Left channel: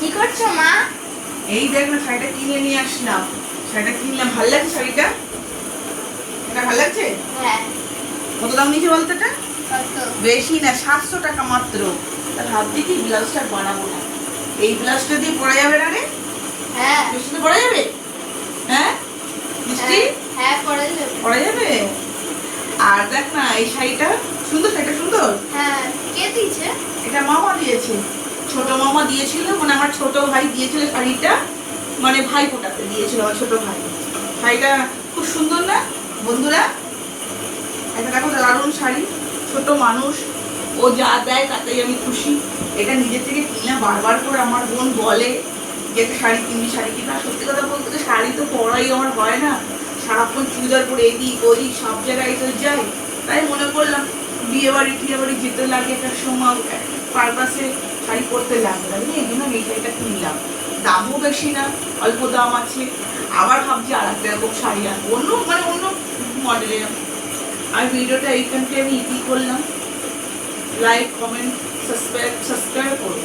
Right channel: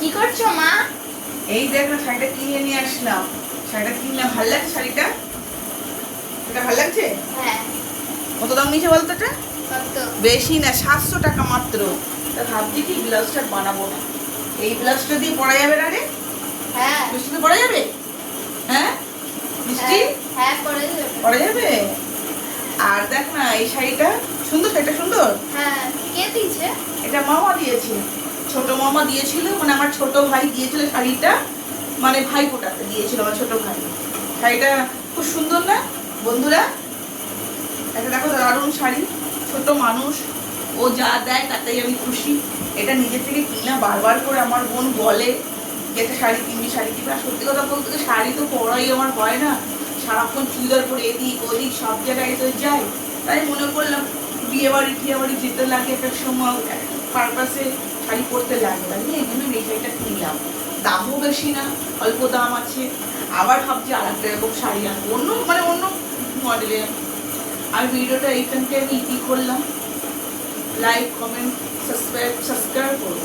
কি করছো মা? এই দেখ না, শাড়িটা কিনে নিয়ে আসলাম। শাড়িটা কিনলাম, ভালো লাগছে শাড়িটা? এটা ভালো লাগছে? হ্যাঁ। কত দাম নিয়েছে বলতো এটা? কত? বেশি না, 700 টাকা মাত্র। তা ভাবছি কি ব্লাউজটা বানাবো না, এই ব্লাউজটা দিয়ে পরা যাবে না রে? হ্যাঁ। মিষ্টি পরা যাবে? হ্যাঁ মিষ্টি হ্যাঁ পরে যাবে। পরা যাবে। আর দেখ না, এই শাড়িটা সুন্দর, শাড়িটা সুন্দর। হ্যাঁ। কে দিয়েছে? এটা মামা দিয়েছে, ছোট মামা দিয়েছিল, মানে আমার ছোট ভাই দিয়েছিল শাড়িটা, মানে ভাই ফোটাতে দিয়েছিল আমার ছোট ভাই। শাড়িটা খুব সুন্দর না বন্ধুরা? এটা দেখো দারুণ শাড়ি, ছোট মানুষ, ও যা দেয় তাতেই আমি খুশি। এটা নিজের থেকে কিনা, বারবার করে আমার বোন বলে যে একটা শাড়ি কিনবি, শাড়ি কিনা। সত্যি কথা বলতে তো শাড়ি তো পরাই আমার হয় না, সারাক্ষণ চুড়িদার পরে এদিক ওদিক সব জায়গায় তো যাই। তাই মনে করলাম বিয়ে বাড়ি টিয়ে বাড়ি যেতে লাগে, একটা সময় পারপাসে শাড়ি পরতে লাগে, তাই এই জন্য আমি এই শাড়িটা কিনলাম। দামও বেশি না, অল্প দাম আছে। আবার ভাবছি আর একটা এরকম শাড়ি আনবো, অন্য মডেলের। আর ভিডিওটা এইখান থেকে আমি ইতি করলাম। লাইক, কমেন্ট, সাবস্ক্রাইব করো।